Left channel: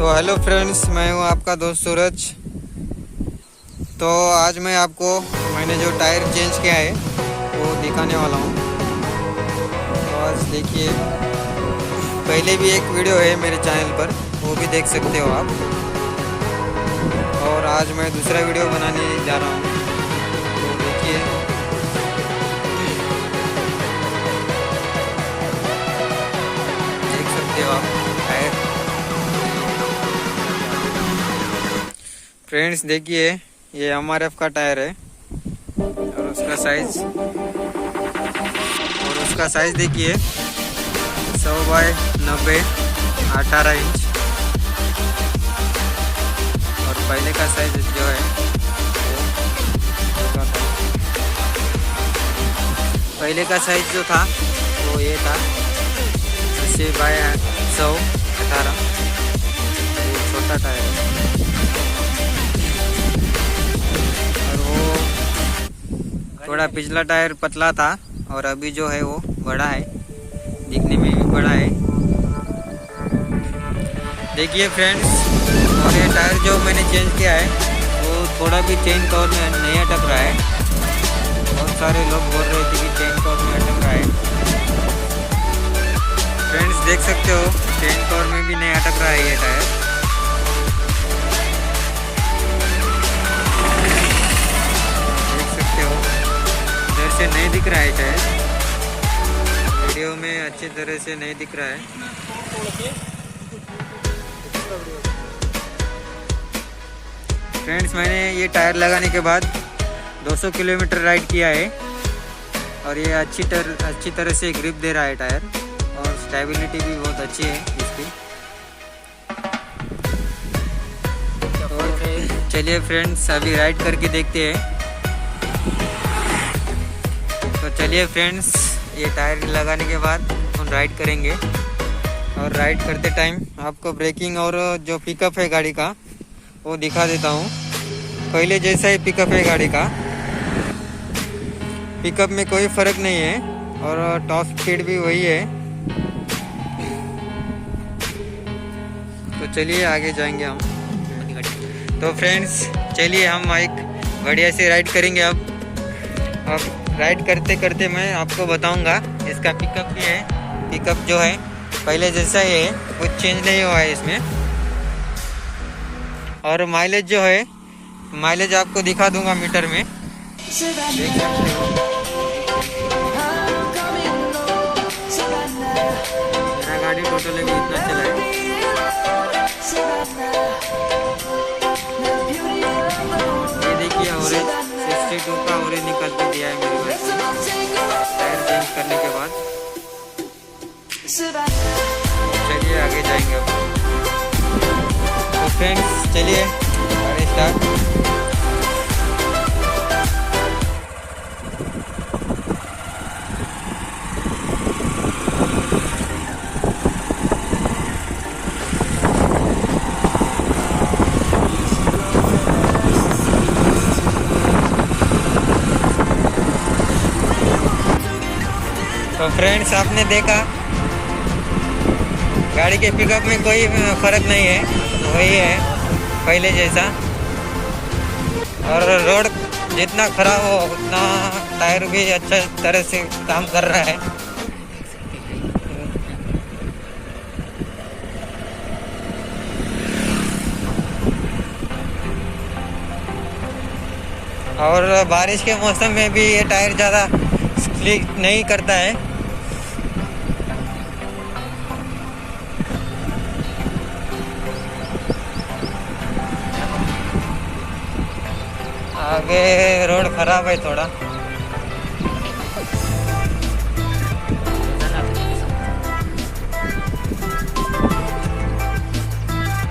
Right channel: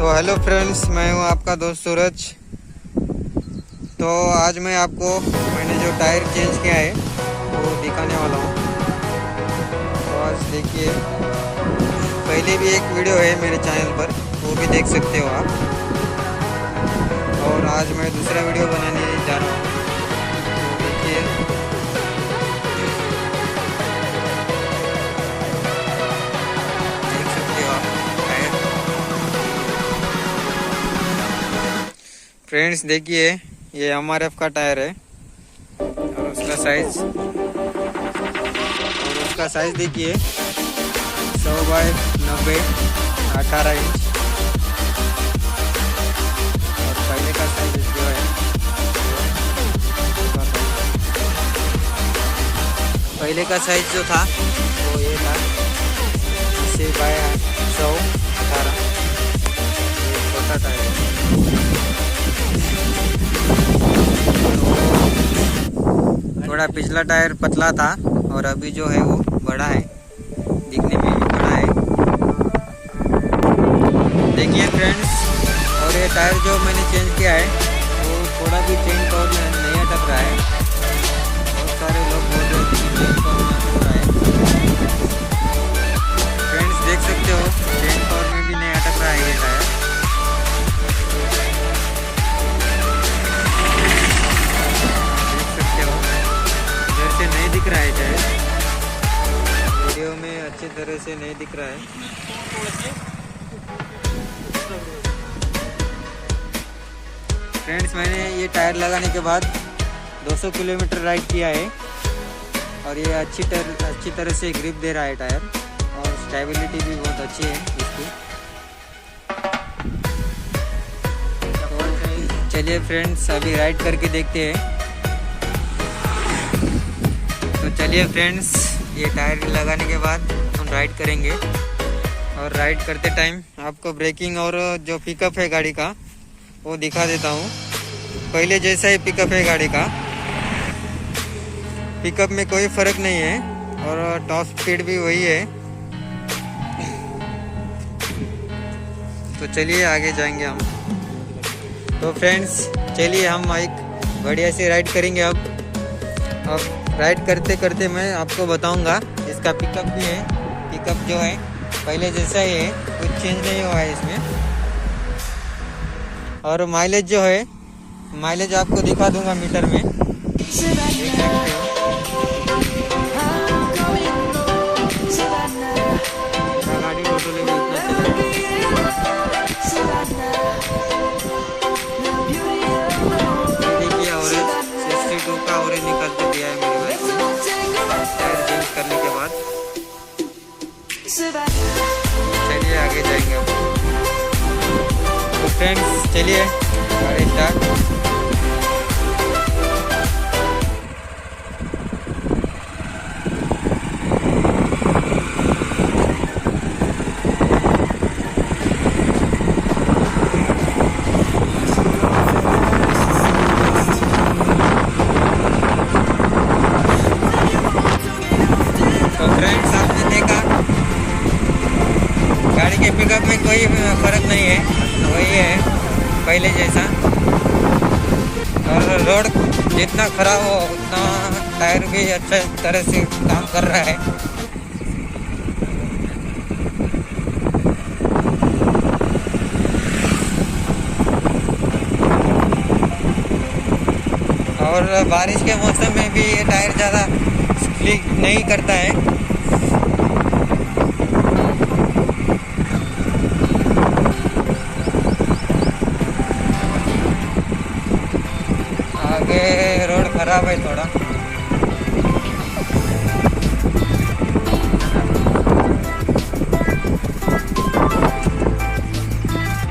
तो hello friends, मैं हूं आपका दोस्त सूरज। तो आज मैं आपको मैंने जो टायर चेंज किया है वो दिखाने वाला हूं। तो आज देखिए, पहले भी एक वीडियो है मेरे चैनल पर, वो भी देख सकते हो आप। और आज मैं दूसरा वीडियो बनाने जा रहा हूं, तो देखिए। देख सकते हो आप टायर। फ्रेंड्स देखिए, ये MRF का टायर है और उसका साइज देखिए 100 बाय 90 18 इंच। और पहले का साइज जो है पहले का साइज जो था वो ये था 80 बाय 100 18। ये छोटा टायर है और वो थोड़ा पिछला टायर पतला था और अभी जो है वो बड़ा है, दिखने में भी बड़ा है। देखिए फ्रेंड्स, और ये टायर जो मैंने चेंज किया है वो थोड़ा भी चेन कवर में नहीं अटक रहा है। बहुत सारे लोग बोल रहे थे कि चेन कवर में अटक रहा है। फ्रेंड्स देख सकते हो, चेन कवर में भी नहीं अटक रहा है ये टायर। इधर से नहीं दिख रहा है टायर, वीडियो में अच्छी तरह से नहीं दिख रहा है। फ्रेंड्स मैंने ये टायर लगाने के बाद 200 किलोमीटर राइड किया है और ये अच्छी तरह से ग्रिप दे रहा है टायर और स्टेबिलिटी भी बहुत अच्छी है इसकी। तो चलिए फ्रेंड्स, अभी राइड करके देखते हैं। तो चलिए फ्रेंड्स, ये टायर लगाने के बाद हम राइड करेंगे और राइड करते टाइम आपको ब्रेकिंग और जो पिकअप है गाड़ी का वो दिखा देता हूँ। पहले जैसा ही पिकअप है गाड़ी का, पिकअप में कोई फर्क नहीं है और टॉप स्पीड भी वही है। तो चलिए आगे जाएंगे हम। तो फ्रेंड्स चलिए हम एक बढ़िया से राइड करेंगे। अब राइड करते करते मैं आपको बताऊंगा। इसका पिकअप भी है, पिकअप जो है पहले जैसा ही है, कुछ चेंज नहीं हुआ है इसमें। और माइलेज जो है, माइलेज आपको दिखा दूंगा मीटर में, देख सकते हो। मेरा गाड़ी टोटल भी इतना चला है। ये देखिए ऑरेंज 62 का ऑरेंज निकल कर दिया है मेरे बाइक में टायर चेंज करने के बाद। चलिए आगे जाएंगे अब। तो फ्रेंड्स चलिए गाड़ी स्टार्ट। तो फ्रेंड्स आपने देखा, गाड़ी के पिकअप में कोई फर्क नहीं है, वही है पहले जैसा। और रोड जितना खराब हो उतना टायर भी अच्छा तरह से काम कर रहा है। और बारिश के मौसम में भी ये टायर ज़्यादा स्लिप नहीं करता है। आगे रोड खराब है थोड़ा।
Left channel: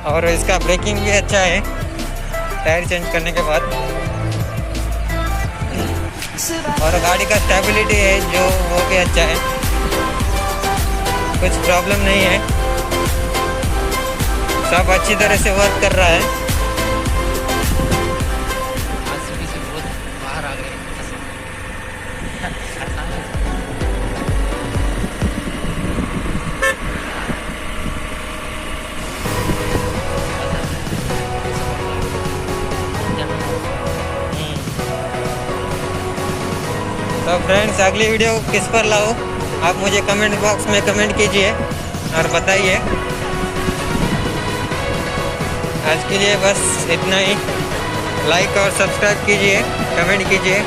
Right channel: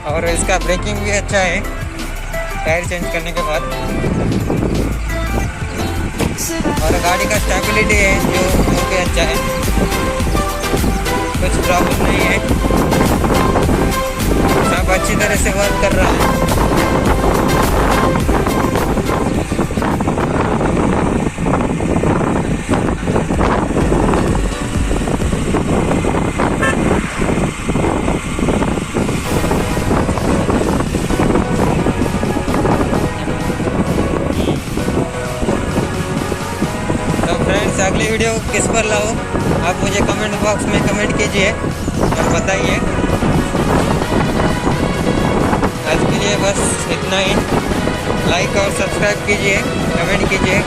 और इसका ब्रेकिंग भी अच्छा है टायर चेंज करने के बाद। और गाड़ी का स्टेबिलिटी है जो वो भी अच्छा है, कुछ प्रॉब्लम नहीं है, सब अच्छी तरह से वर्क कर रहा है। फ्रेंड्स अगली वीडियो किस पर लाओ आप मुझे कमेंट बॉक्स में कमेंट कीजिए और बताइए। आज के लिए बस इतना ही। लाइक और सब्सक्राइब कीजिए, कमेंट कीजिए।